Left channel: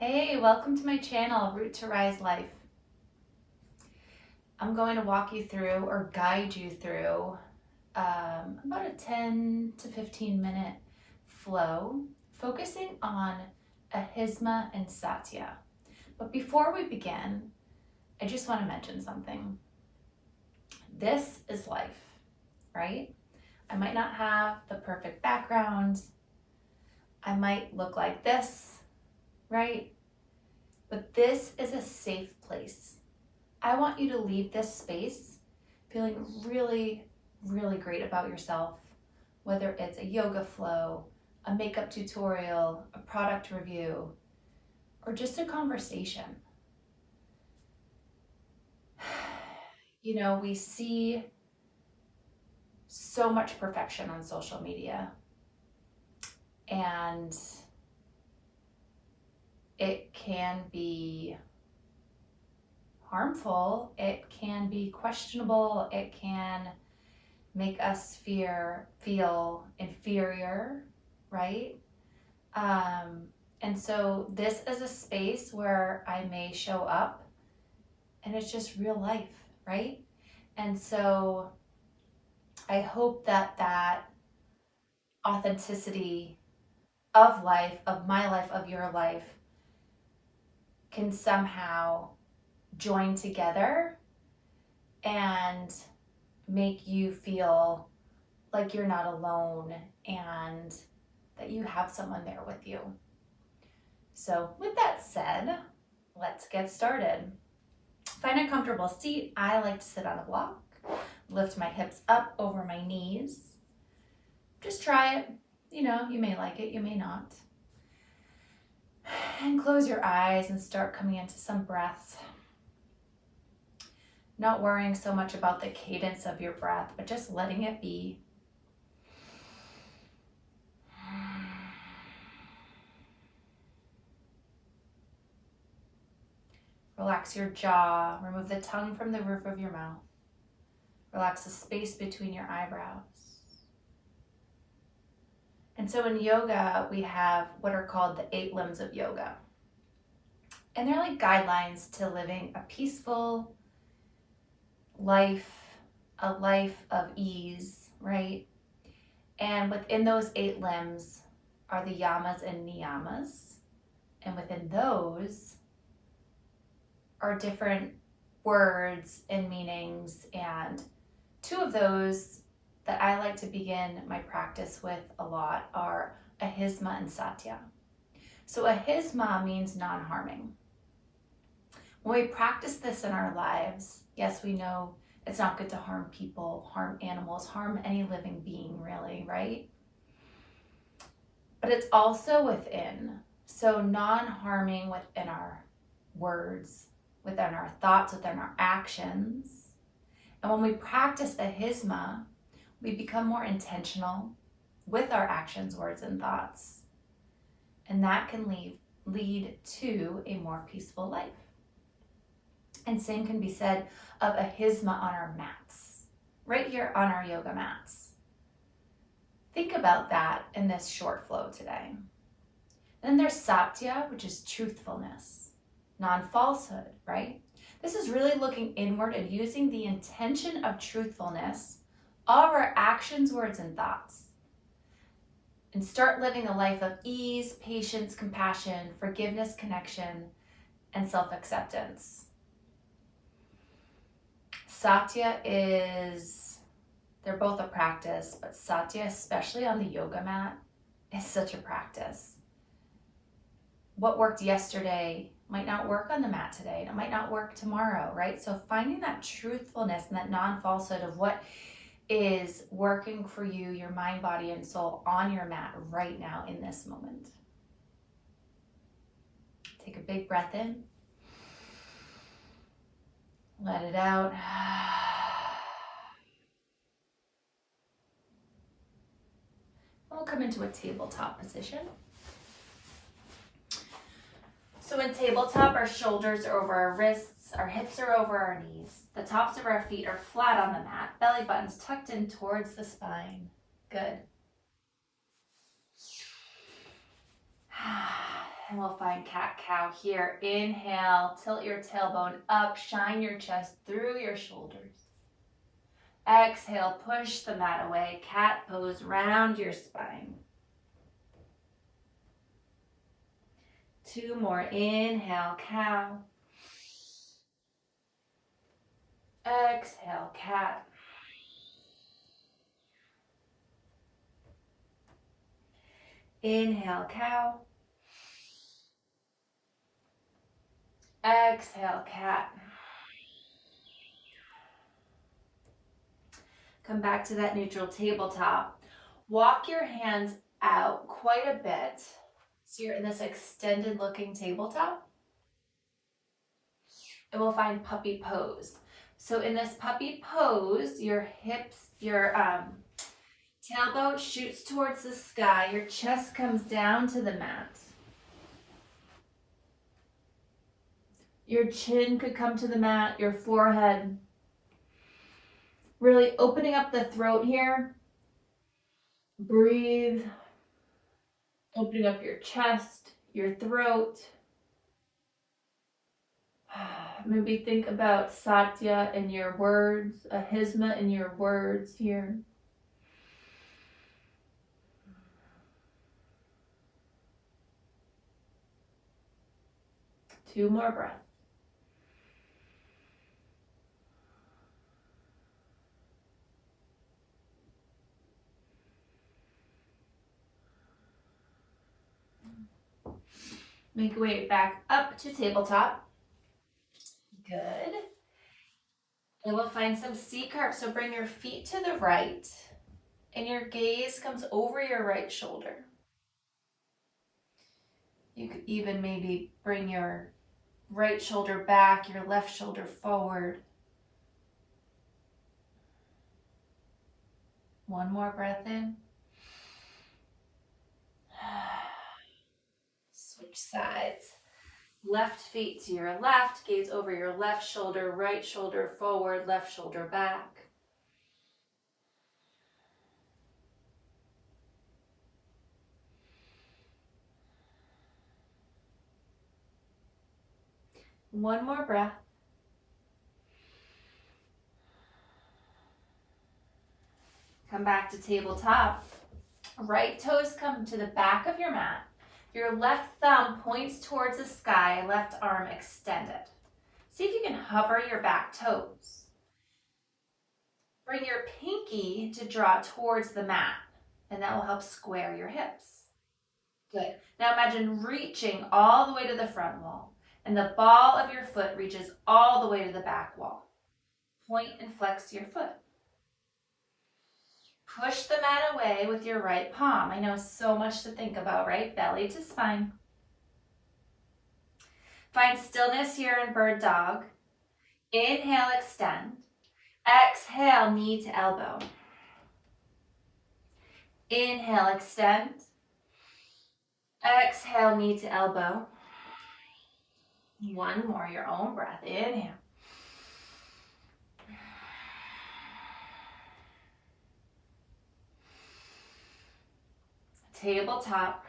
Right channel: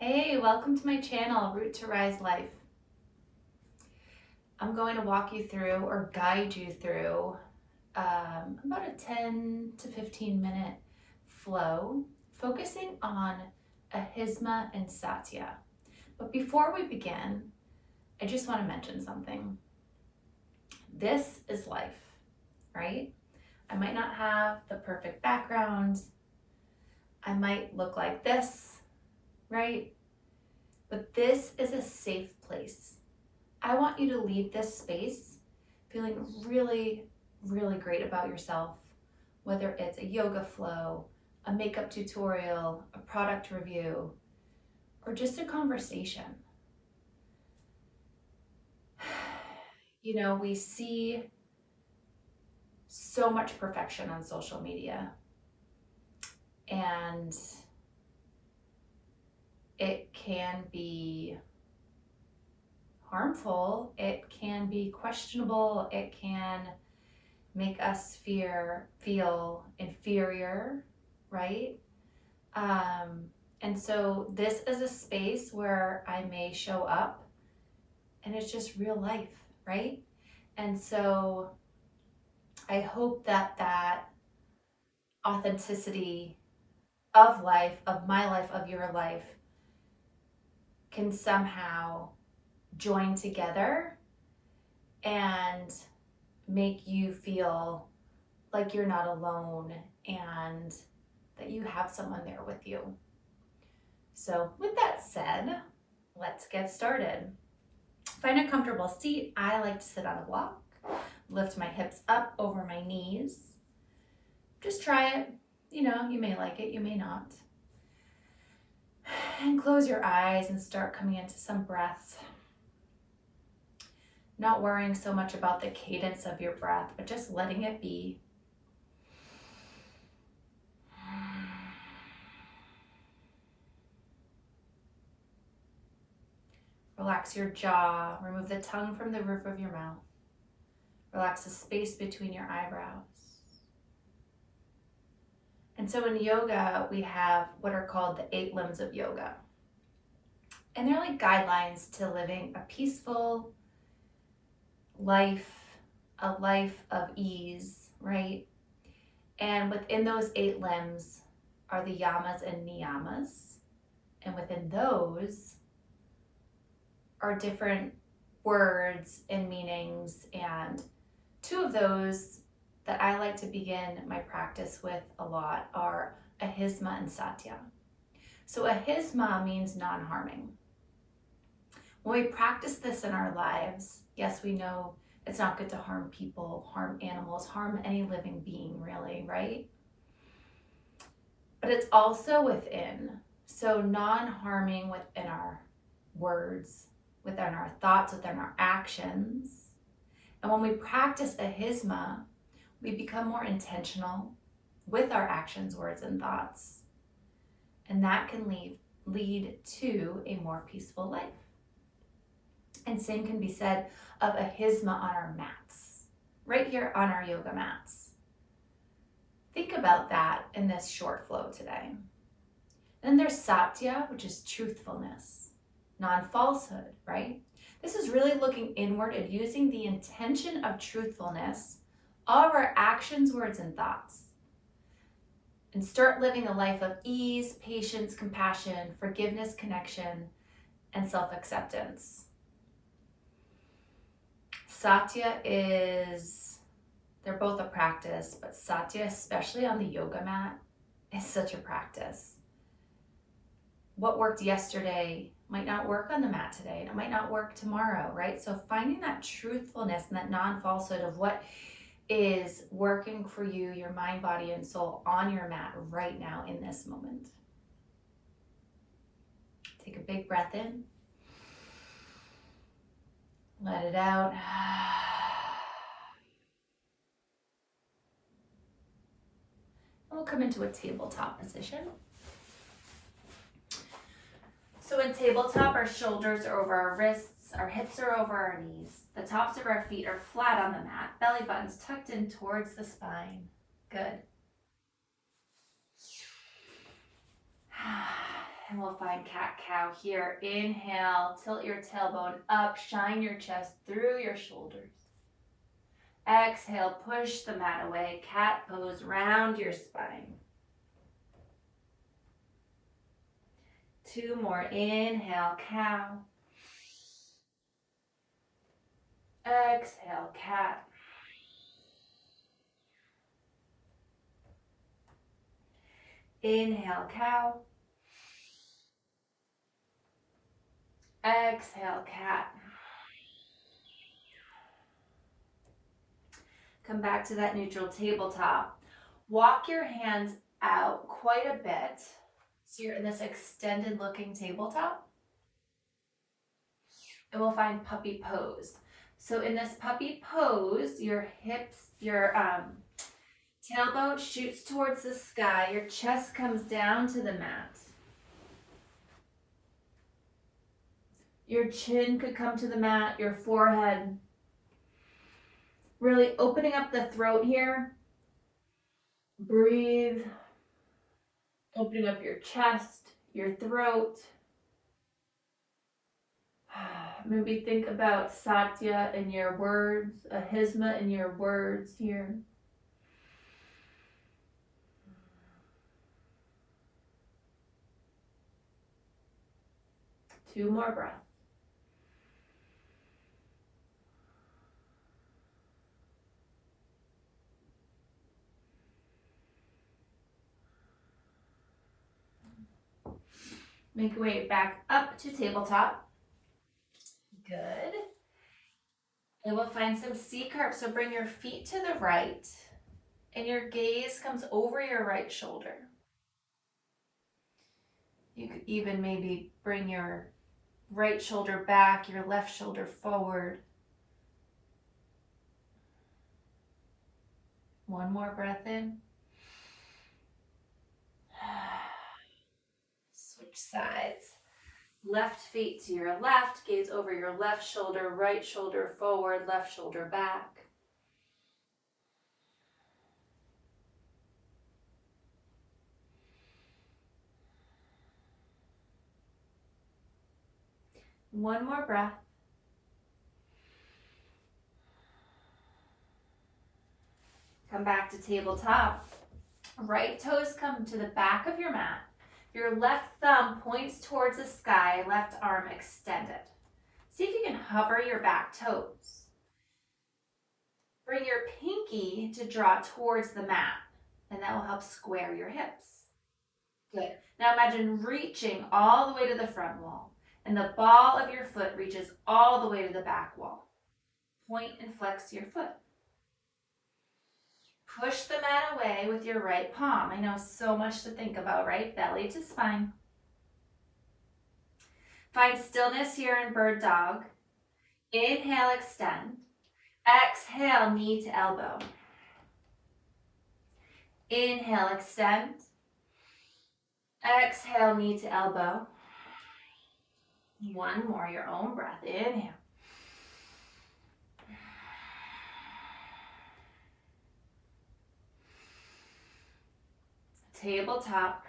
Hey, welcome to my channel, Root to Rise Life. I'm going to walk you through or guide you through about a 10 to 15 minute flow, focusing on Ahisma and Satya. But before we begin, I just want to mention something. This is life, right? I might not have the perfect background. I might look like this, right? But this is a safe place. I want you to leave this space feeling really, really great about yourself, whether it's a yoga flow, a makeup tutorial, a product review, or just a conversation. You know, we see so much perfection on social media, and it can be harmful, it can be questionable, it can make us feel inferior, right? And so this is a space where I may show up and it's just real life, right? And so I hope that authenticity of life, of my life, of your life, can somehow join together and make you feel like you're not alone and that you have someone there with you. So with that said, let's get started. Find a comfortable seat. I like to sit on a block, lift my hips up over my knees. Just try it. You know, you may like it, you may not. And close your eyes and start coming into some breaths. Not worrying so much about the cadence of your breath, but just letting it be. Relax your jaw. Remove the tongue from the roof of your mouth. Relax the space between your eyebrows. And so in yoga, we have what are called the 8 limbs of yoga. And they're like guidelines to living a peaceful life, a life of ease, right? And within those 8 limbs are the yamas and niyamas. And within those are different words and meanings. And 2 of those that I like to begin my practice with a lot are Ahisma and Satya. So Ahisma means non-harming. When we practice this in our lives, yes, we know it's not good to harm people, harm animals, harm any living being, really, right? But it's also within. So non-harming within our words, within our thoughts, within our actions. And when we practice Ahisma, we become more intentional with our actions, words, and thoughts. And that can lead to a more peaceful life. And same can be said of Ahisma on our mats, right here on our yoga mats. Think about that in this short flow today. Then there's Satya, which is truthfulness, non-falsehood, right? This is really looking inward and using the intention of truthfulness of our actions, words, and thoughts. And start living a life of ease, patience, compassion, forgiveness, connection, and self-acceptance. Satya they're both a practice, but Satya, especially on the yoga mat, is such a practice. What worked yesterday might not work on the mat today, and it might not work tomorrow, right? So finding that truthfulness and that non-falsehood of what is working for you, your mind, body, and soul on your mat right now in this moment. Take a big breath in. Let it out. We'll come into a tabletop position. So in tabletop, our shoulders are over our wrists, our hips are over our knees. The tops of our feet are flat on the mat, belly buttons tucked in towards the spine. Good. And we'll find cat-cow here. Inhale, tilt your tailbone up, shine your chest through your shoulders. Exhale, push the mat away. Cat pose, round your spine. 2 more. Inhale, cow. Exhale, cat. Inhale, cow. Exhale, cat. Come back to that neutral tabletop. Walk your hands out quite a bit. So you're in this extended looking tabletop. And we'll find puppy pose. So in this puppy pose, your hips, your tailbone shoots towards the sky. Your chest comes down to the mat. Your chin could come to the mat, your forehead. Really opening up the throat here. Breathe. Opening up your chest, your throat. Maybe think about Satya in your words, Ahisma in your words here. Two more breaths. Make your way back up to tabletop. Good. And we'll find some C curve. So bring your feet to the right and your gaze comes over your right shoulder. You could even maybe bring your right shoulder back, your left shoulder forward. One more breath in. Switch sides. Left feet to your left, gaze over your left shoulder, right shoulder forward, left shoulder back. One more breath. Come back to tabletop. Right toes come to the back of your mat. Your left thumb points towards the sky, left arm extended. See if you can hover your back toes. Bring your pinky to draw towards the mat, and that will help square your hips. Good. Now imagine reaching all the way to the front wall, and the ball of your foot reaches all the way to the back wall. Point and flex your foot. Push the mat away with your right palm. I know, so much to think about, right? Belly to spine. Find stillness here in bird dog. Inhale, extend. Exhale, knee to elbow. Inhale, extend. Exhale, knee to elbow. One more, your own breath. Inhale. Tabletop.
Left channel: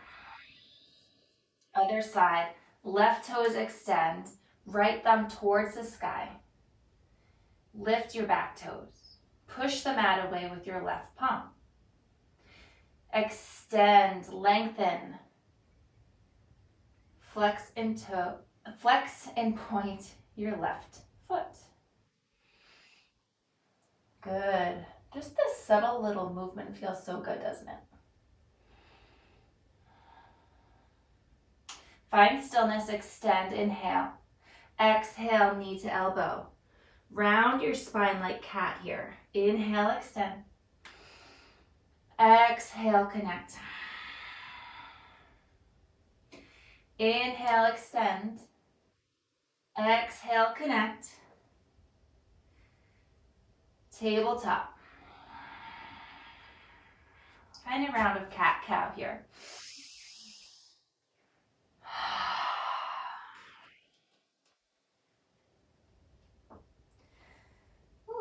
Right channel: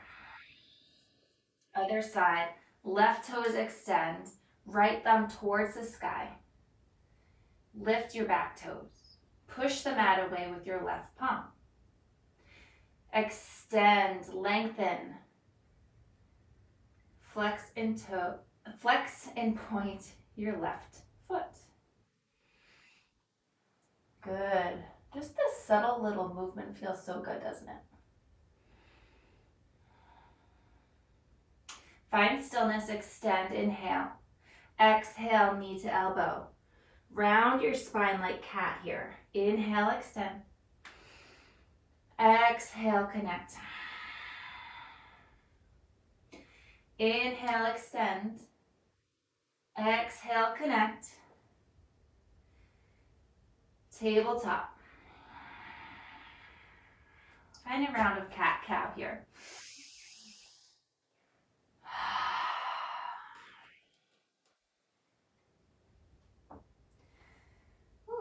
Other side. Left toes extend. Right thumb towards the sky. Lift your back toes. Push the mat away with your left palm. Extend, lengthen. Flex and point your left foot. Good. Just this subtle little movement feels so good, doesn't it? Find stillness, extend, inhale. Exhale, knee to elbow. Round your spine like cat here. Inhale, extend. Exhale, connect. Inhale, extend. Exhale, connect. Tabletop. Find a round of cat-cow here.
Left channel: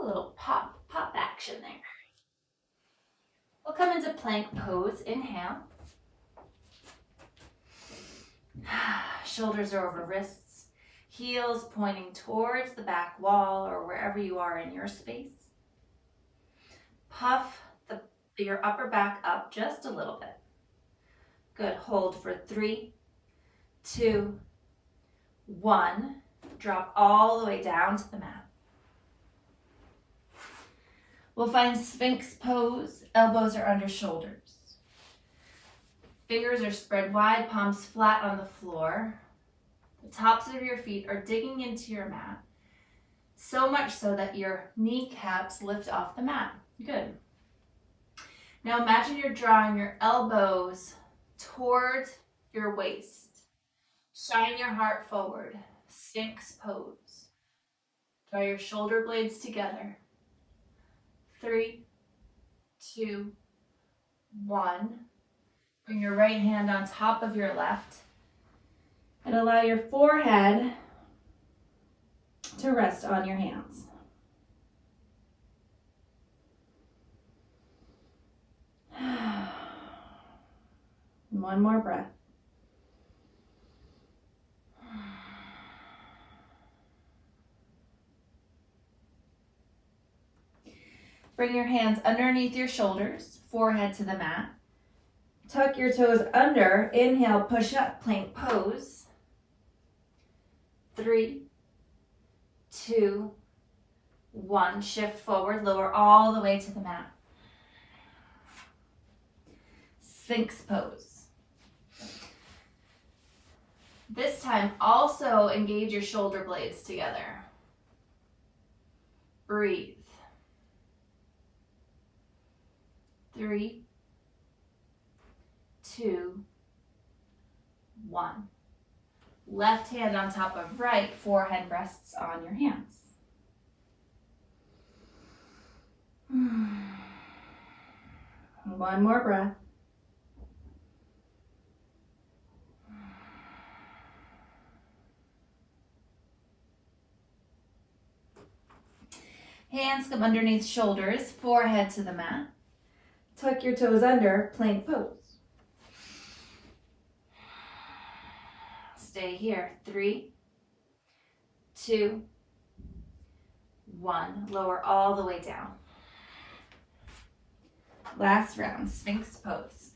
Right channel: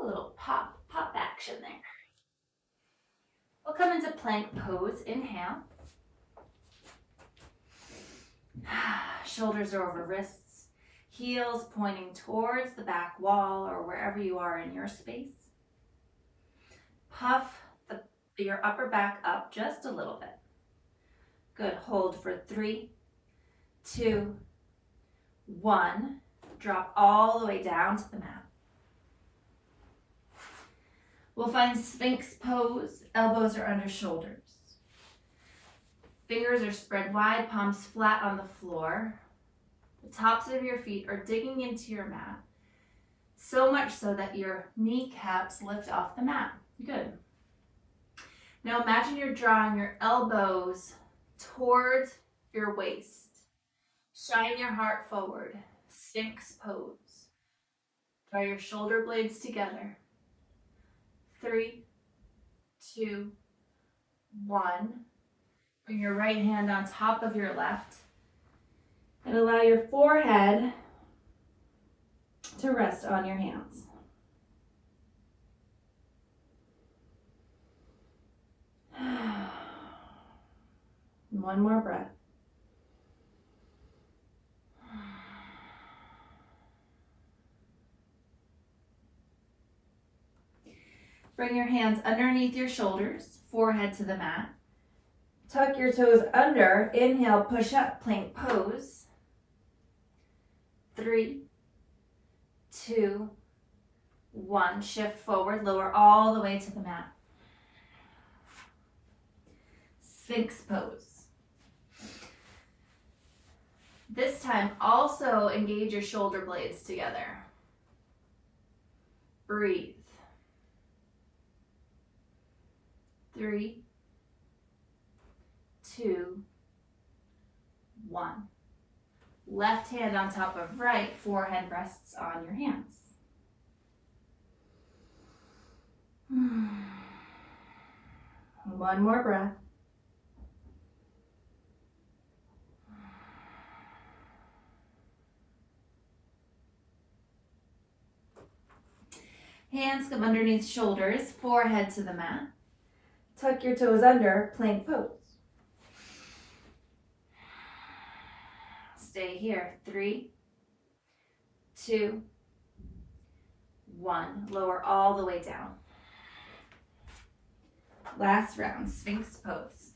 A little pop action there. We'll come into plank pose. Inhale. shoulders are over wrists, heels pointing towards the back wall or wherever you are in your space. Puff your upper back up just a little bit. Good. Hold for 3, 2, 1. Drop all the way down to the mat. We'll find Sphinx pose. Elbows are under shoulders. Fingers are spread wide, palms flat on the floor. The tops of your feet are digging into your mat, so much so that your kneecaps lift off the mat. Good. Now imagine you're drawing your elbows towards your waist. Shine your heart forward. Sphinx pose. Draw your shoulder blades together. 3, 2, 1. Bring your right hand on top of your left and allow your forehead to rest on your hands. One more breath. Bring your hands underneath your shoulders, forehead to the mat. Tuck your toes under. Inhale, push up, plank pose. 3, 2, 1. Shift forward, lower all the way to the mat. Sphinx pose. This time, also engage your shoulder blades together. Breathe. 3, 2, 1. Left hand on top of right, forehead rests on your hands. One more breath. Hands come underneath shoulders, forehead to the mat. Tuck your toes under, plank pose. Stay here. 3, 2, 1. Lower all the way down. Last round, Sphinx pose.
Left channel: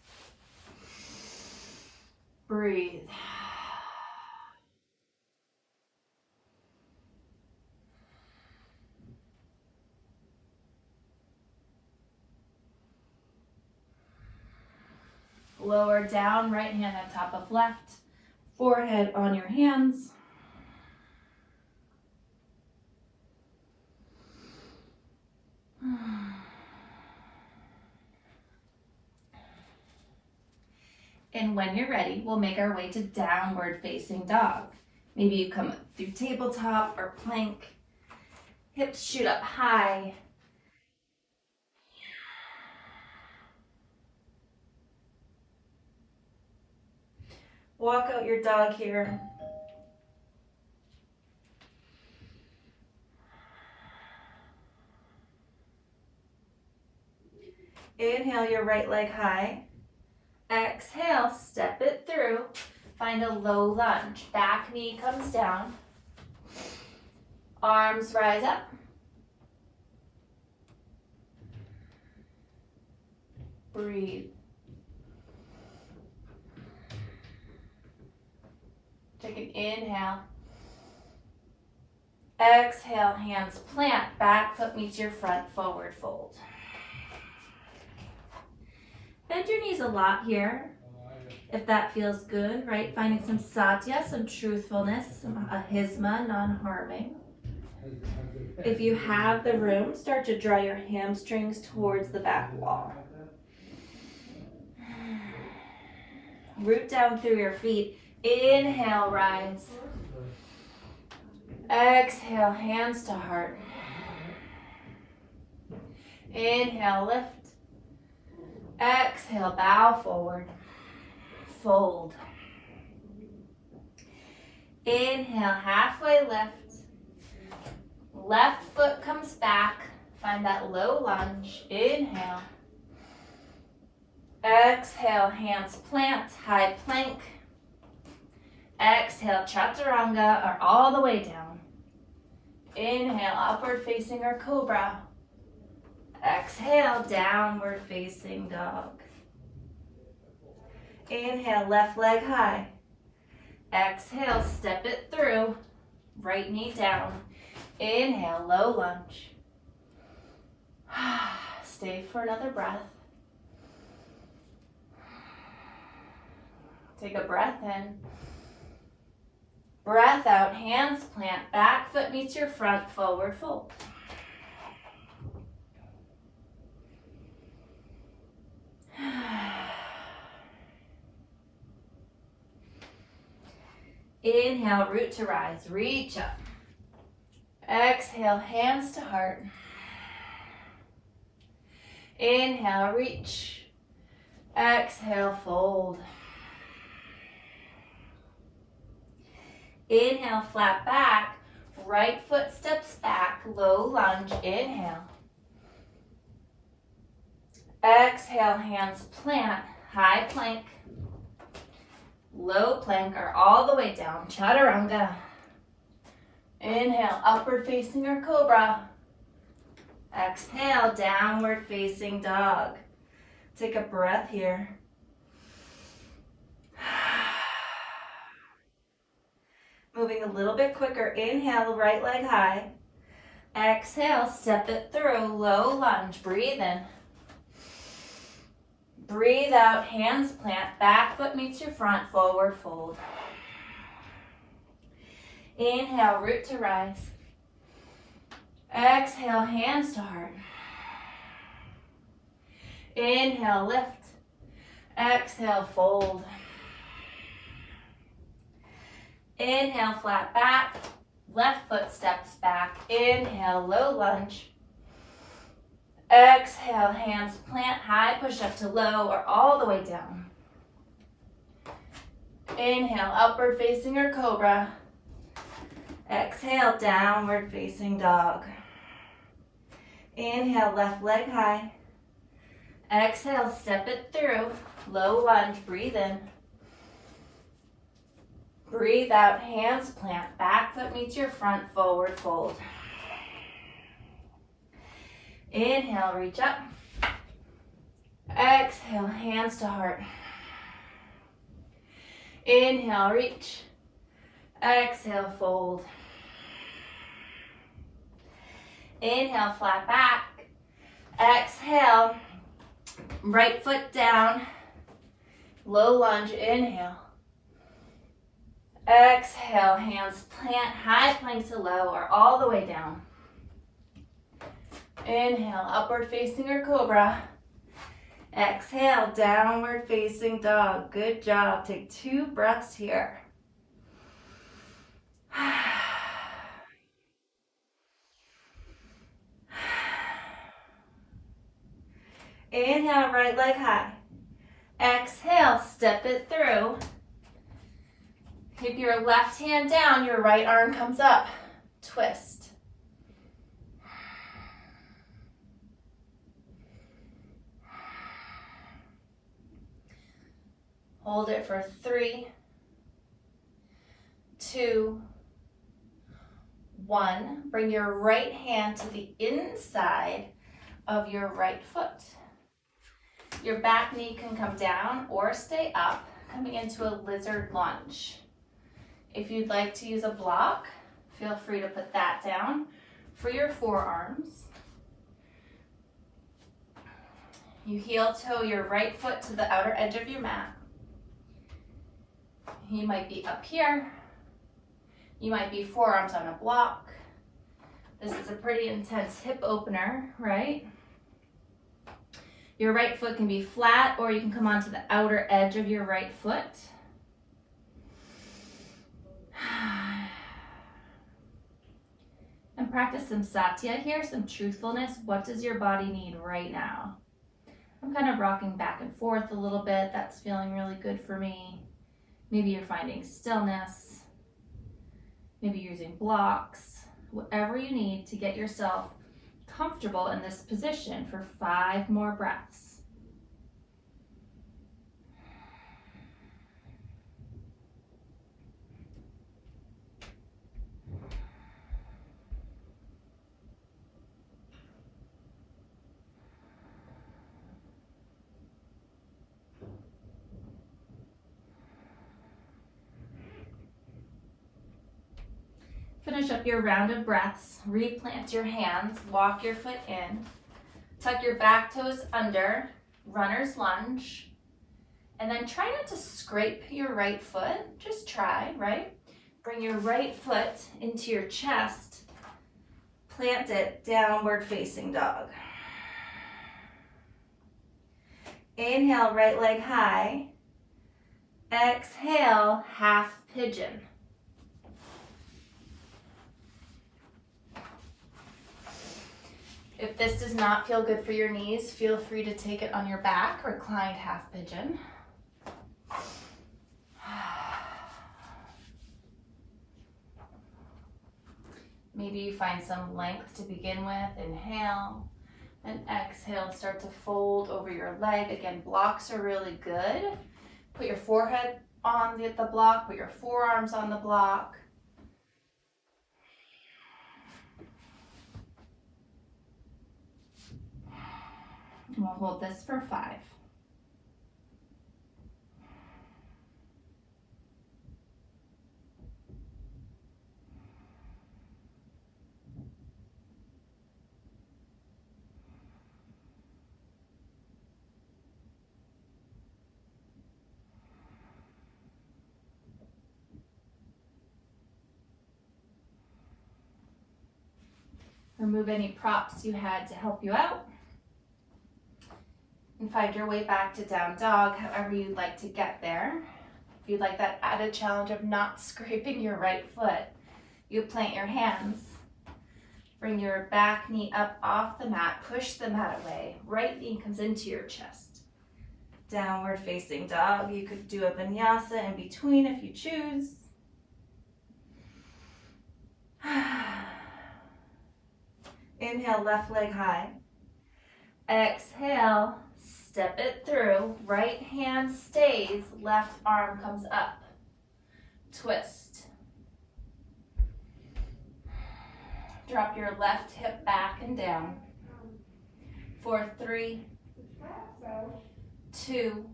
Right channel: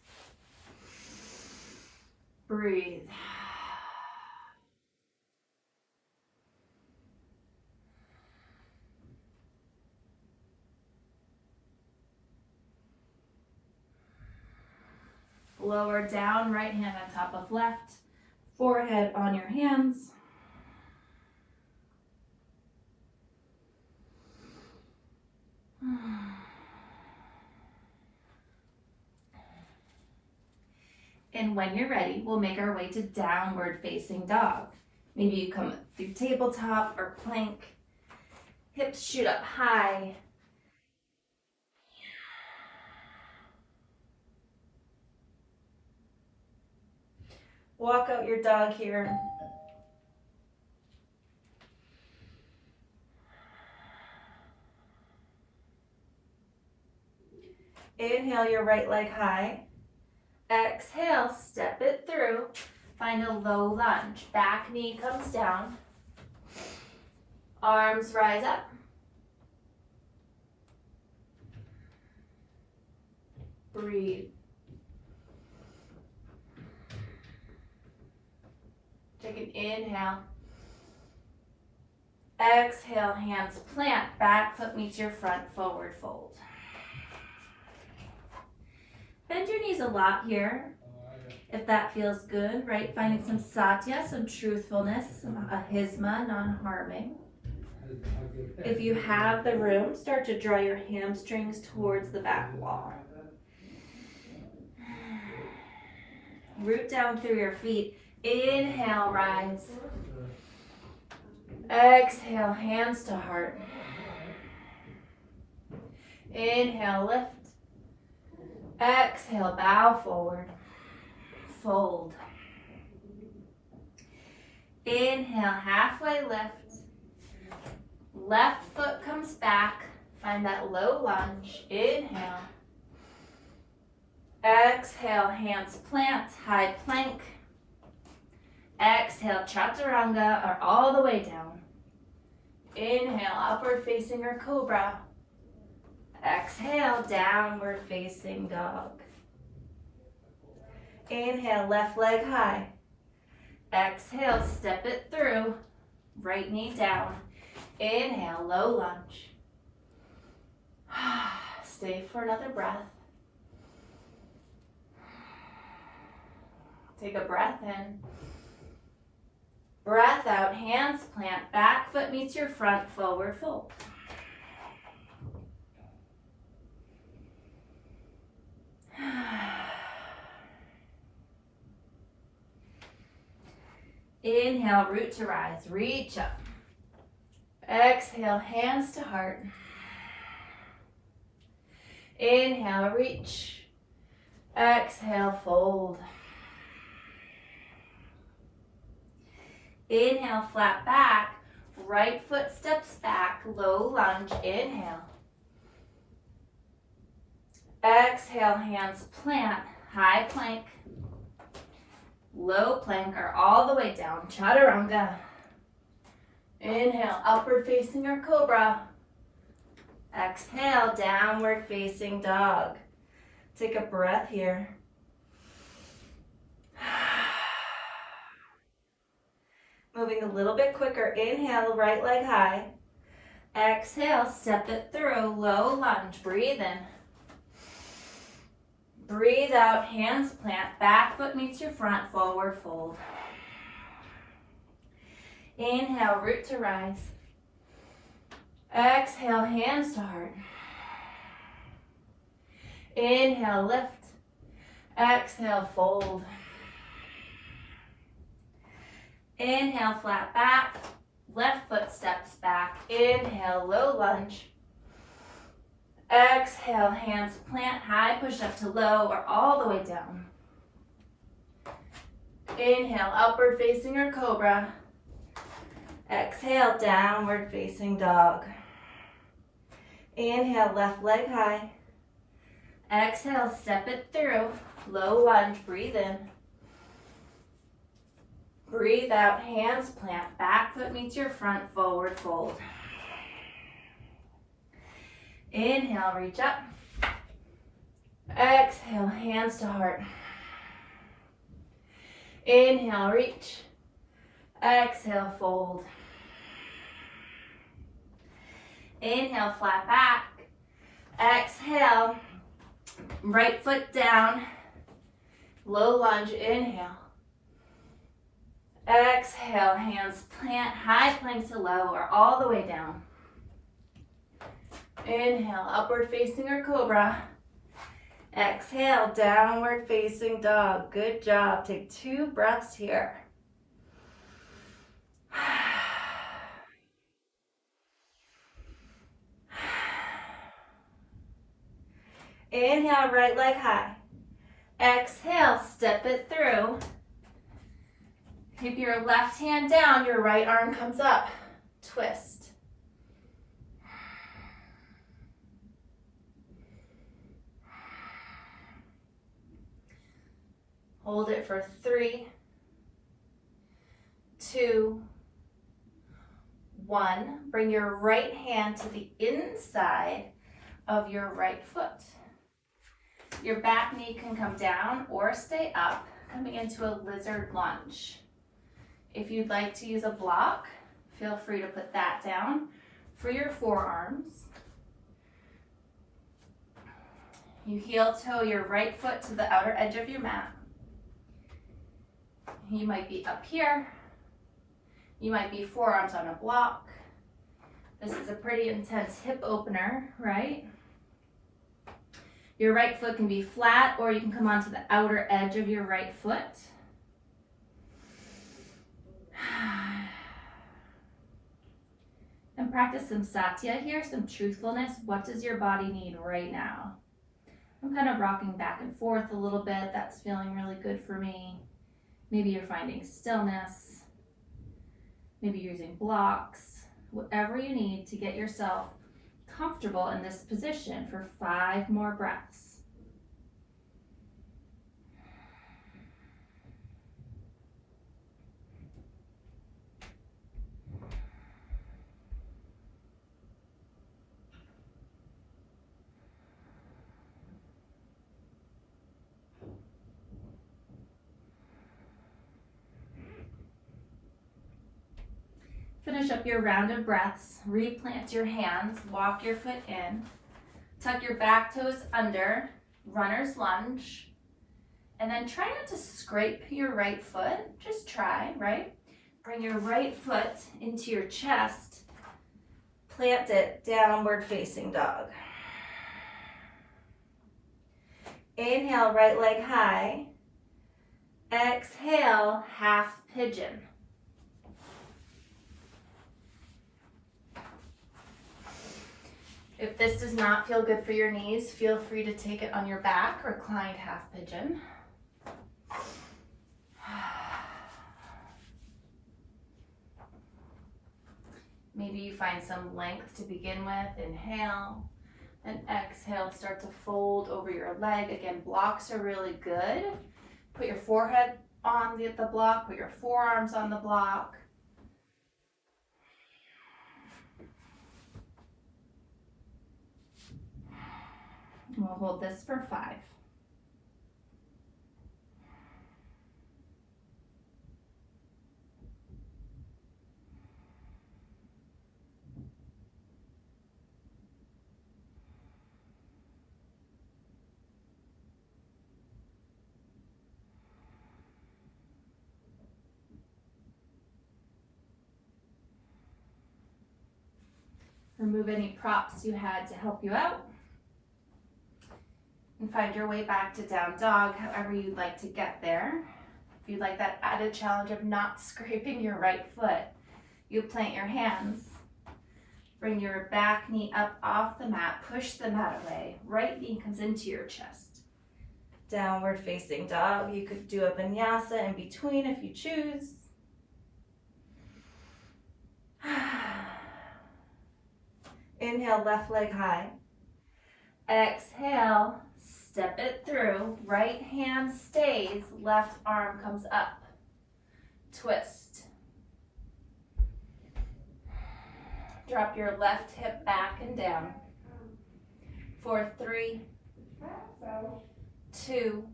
Breathe. Lower down, right hand on top of left, forehead on your hands. And when you're ready, we'll make our way to downward facing dog. Maybe you come through tabletop or plank. Hips shoot up high. Walk out your dog here. Inhale your right leg high. Exhale, step it through. Find a low lunge. Back knee comes down. Arms rise up. Breathe. Take an inhale. Exhale, hands plant. Back foot meets your front, forward fold. Bend your knees a lot here, if that feels good, right? Finding some Satya, some truthfulness, some Ahisma, non-harming. If you have the room, start to draw your hamstrings towards the back wall. Root down through your feet. Inhale, rise. Exhale, hands to heart. Inhale, lift. Exhale, bow forward. Fold. Inhale, halfway lift. Left foot comes back. Find that low lunge. Inhale. Exhale, hands plant, high plank. Exhale, chaturanga or all the way down. Inhale, upward facing or cobra. Exhale, downward facing dog. Inhale, left leg high. Exhale, step it through. Right knee down. Inhale, low lunge. Stay for another breath. Take a breath in. Breath out, hands plant, back foot meets your front, forward fold. Inhale, root to rise, reach up. Exhale, hands to heart. Inhale, reach. Exhale, fold. Inhale, flat back. Right foot steps back, low lunge, inhale. Exhale, hands plant, high plank. Low plank or all the way down, chaturanga. Inhale, upward facing or cobra. Exhale, downward facing dog. Take a breath here. Moving a little bit quicker. Inhale, right leg high. Exhale, step it through, low lunge, breathe in. Breathe out, hands plant, back foot meets your front, forward fold. Inhale, root to rise. Exhale, hands to heart. Inhale, lift. Exhale, fold. Inhale, flat back. Left foot steps back. Inhale, low lunge. Exhale, hands plant, high push up to low or all the way down. Inhale, upward facing or cobra. Exhale, downward facing dog. Inhale, left leg high. Exhale, step it through, low lunge, breathe in. Breathe out, hands plant, back foot meets your front, forward fold. Inhale, reach up. Exhale, hands to heart. Inhale, reach. Exhale, fold. Inhale, flat back. Exhale, right foot down. Low lunge, inhale. Exhale, hands plant, high plank to low or all the way down. Inhale, upward facing or cobra. Exhale, downward facing dog. Good job. Take 2 breaths here. Inhale, right leg high. Exhale, step it through. Keep your left hand down, your right arm comes up. Twist. Hold it for 3, 2, 1. Bring your right hand to the inside of your right foot. Your back knee can come down or stay up, coming into a lizard lunge. If you'd like to use a block, feel free to put that down for your forearms. You heel toe your right foot to the outer edge of your mat. You might be up here. You might be forearms on a block. This is a pretty intense hip opener, right? Your right foot can be flat or you can come onto the outer edge of your right foot. And practice some Satya here, some truthfulness. What does your body need right now? I'm kind of rocking back and forth a little bit. That's feeling really good for me. Maybe you're finding stillness. Maybe you're using blocks. Whatever you need to get yourself comfortable in this position for 5 more breaths. finish up your round of breaths, replant your hands, walk your foot in, tuck your back toes under, runner's lunge, and then try not to scrape your right foot. Just try, right? Bring your right foot into your chest, plant it, downward facing dog. Inhale, right leg high. Exhale, half pigeon. If this does not feel good for your knees, feel free to take it on your back, reclined half pigeon. Maybe you find some length to begin with. Inhale and exhale. Start to fold over your leg. Again, blocks are really good. Put your forehead on the block. Put your forearms on the block. And we'll hold this for 5. Remove any props you had to help you out. And find your way back to down dog, however you'd like to get there. If you'd like that added challenge of not scraping your right foot, you plant your hands. Bring your back knee up off the mat, push the mat away. Right knee comes into your chest. Downward facing dog. You could do a vinyasa in between if you choose. Inhale, left leg high. Exhale, step it through. Right hand stays, left arm comes up. Twist. Drop your left hip back and down. For 3, 2,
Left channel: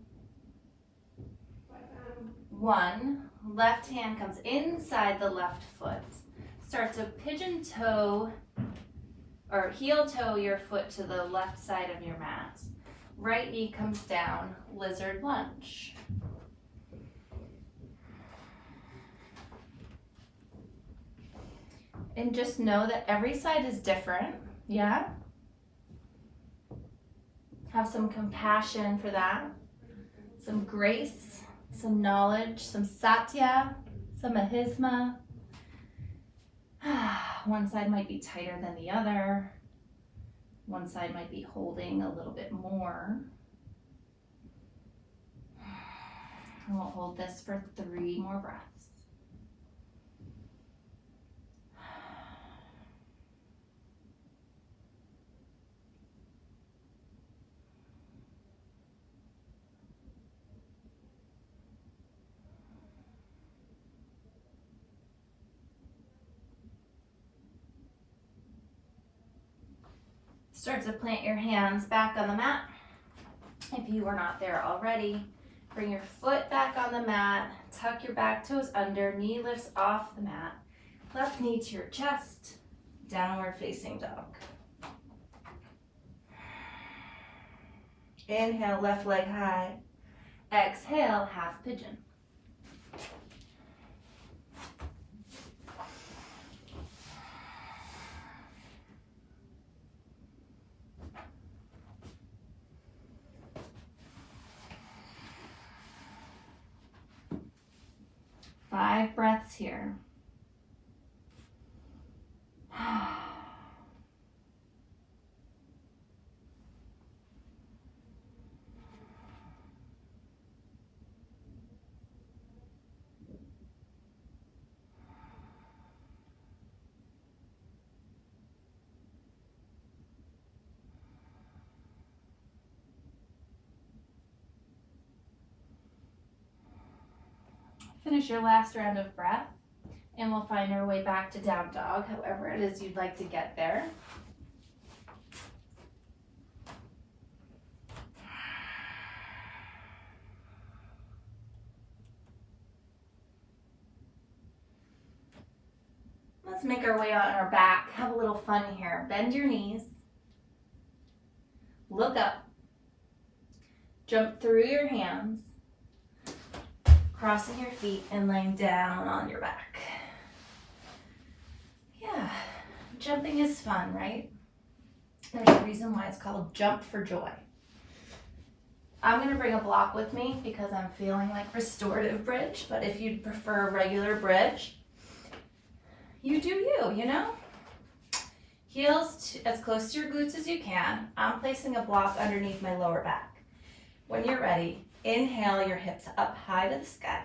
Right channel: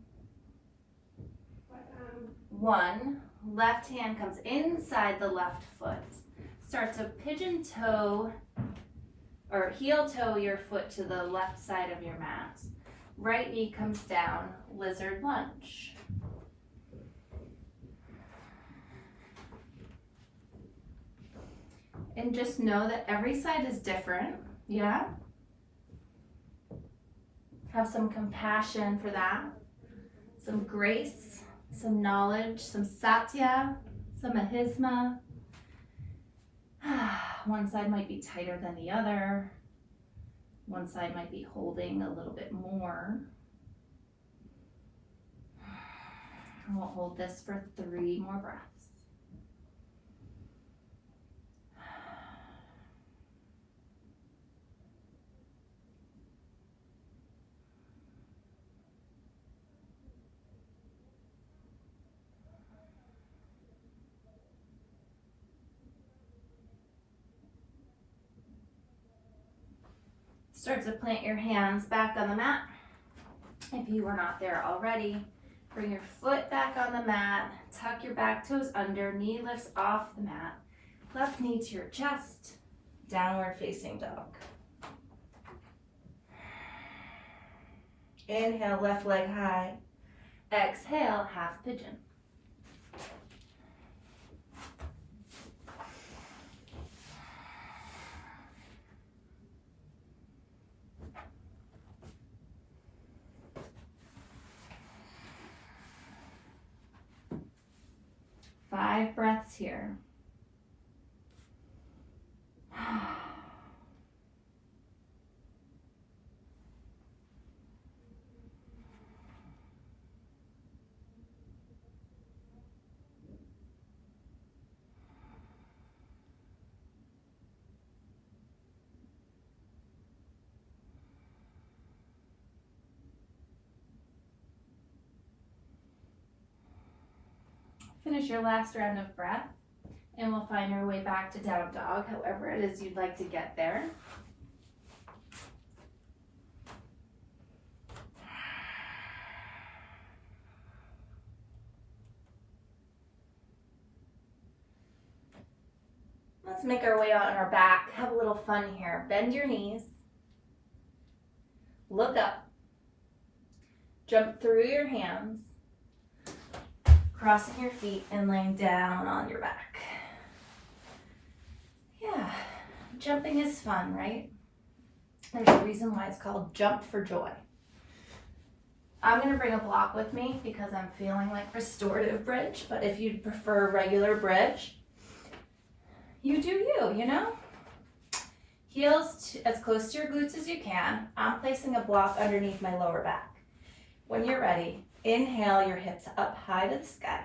1. Left hand comes inside the left foot. Start to pigeon toe or heel toe your foot to the left side of your mat. Right knee comes down, lizard lunge. And just know that every side is different, yeah? Have some compassion for that, some grace, some knowledge, some Satya, some Ahisma. One side might be tighter than the other. One side might be holding a little bit more. And we'll hold this for 3 more breaths. Start to plant your hands back on the mat. If you were not there already, bring your foot back on the mat, tuck your back toes under, knee lifts off the mat, left knee to your chest, downward facing dog. Inhale, left leg high. Exhale, half pigeon. Five breaths here. Finish your last round of breath, and we'll find our way back to down dog, however it is you'd like to get there. Let's make our way on our back. Have a little fun here. Bend your knees. Look up. Jump through your hands. Crossing your feet and laying down on your back. Yeah, jumping is fun, right? There's a reason why it's called Jump for Joy. I'm gonna bring a block with me because I'm feeling like restorative bridge, but if you'd prefer regular bridge, you do you, you know? Heels as close to your glutes as you can. I'm placing a block underneath my lower back. When you're ready, inhale your hips up high to the sky.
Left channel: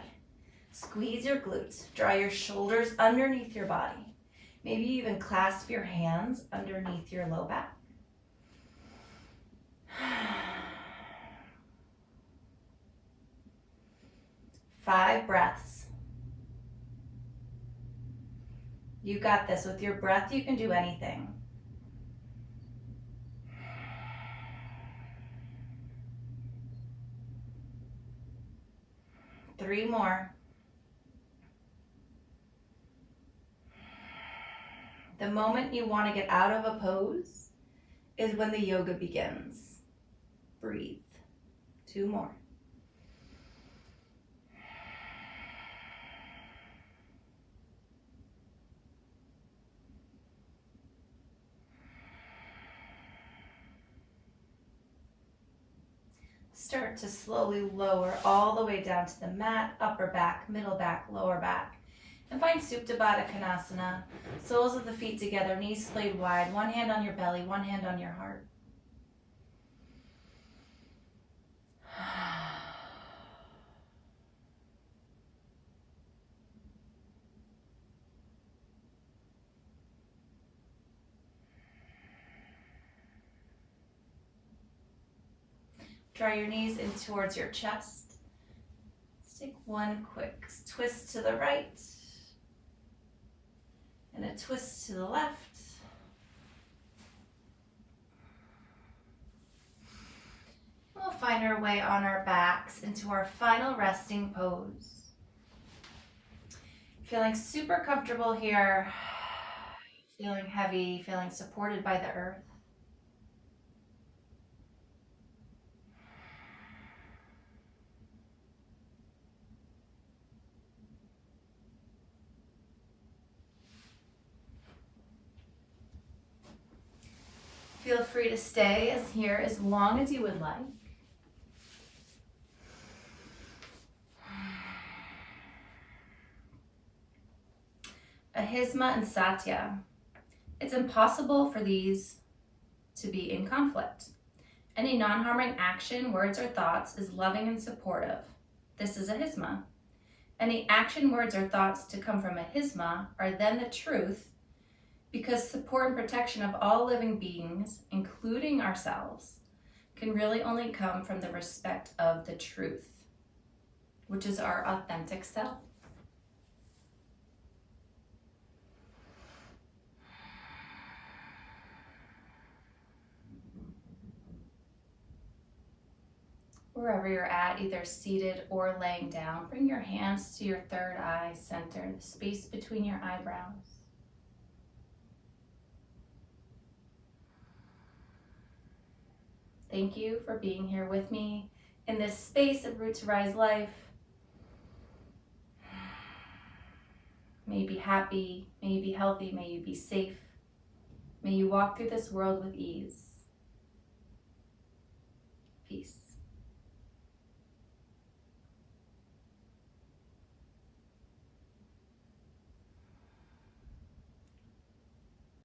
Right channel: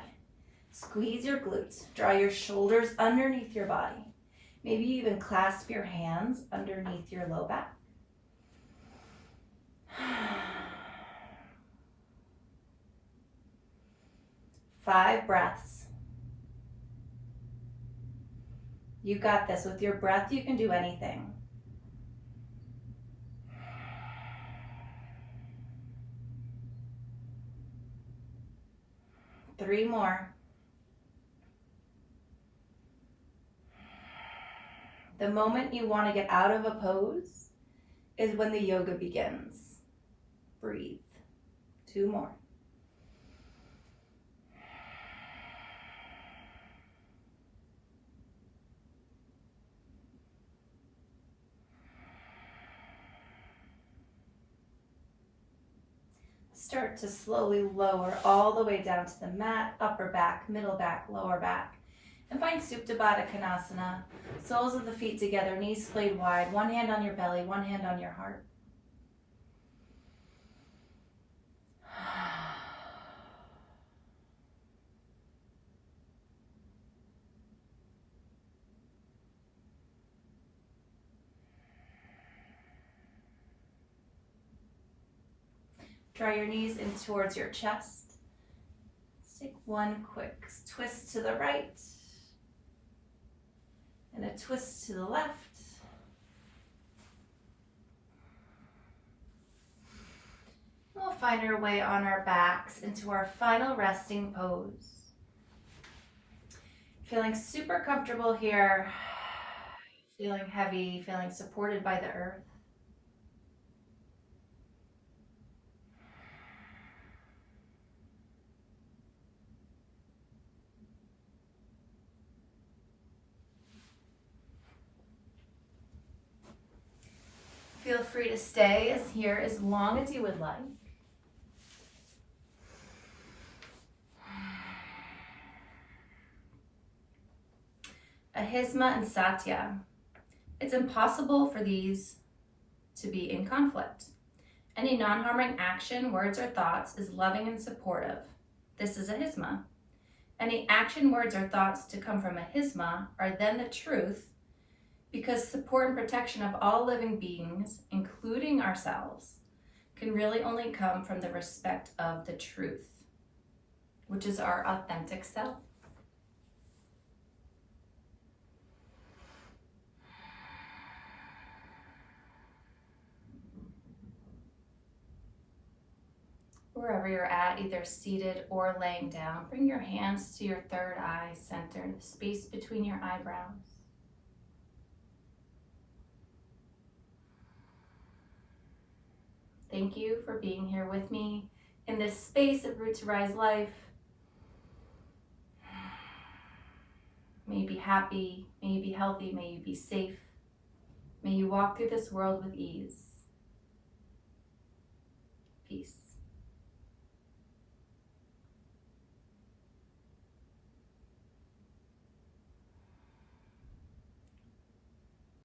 Squeeze your glutes. Draw your shoulders underneath your body. Maybe even clasp your hands underneath your low back. 5 breaths. You got this. With your breath, you can do anything. 3 more. The moment you want to get out of a pose is when the yoga begins. Breathe. 2 more. Start to slowly lower all the way down to the mat, upper back, middle back, lower back. And find Supta Baddha Konasana. Soles of the feet together, knees splayed wide, one hand on your belly, one hand on your heart. Draw your knees in towards your chest. Let's take one quick twist to the right and a twist to the left. We'll find our way on our backs into our final resting pose. Feeling super comfortable here, feeling heavy, feeling supported by the earth. Feel free to stay here as long as you would like. Ahisma and Satya. It's impossible for these to be in conflict. Any non-harming action, words, or thoughts is loving and supportive. This is Ahisma. Any action, words, or thoughts to come from Ahisma are then the truth, because support and protection of all living beings, including ourselves, can really only come from the respect of the truth, which is our authentic self. Wherever you're at, either seated or laying down, bring your hands to your third eye center, the space between your eyebrows. Thank you for being here with me in this space of Root to Rise life. May you be happy, may you be healthy, may you be safe. May you walk through this world with ease. Peace.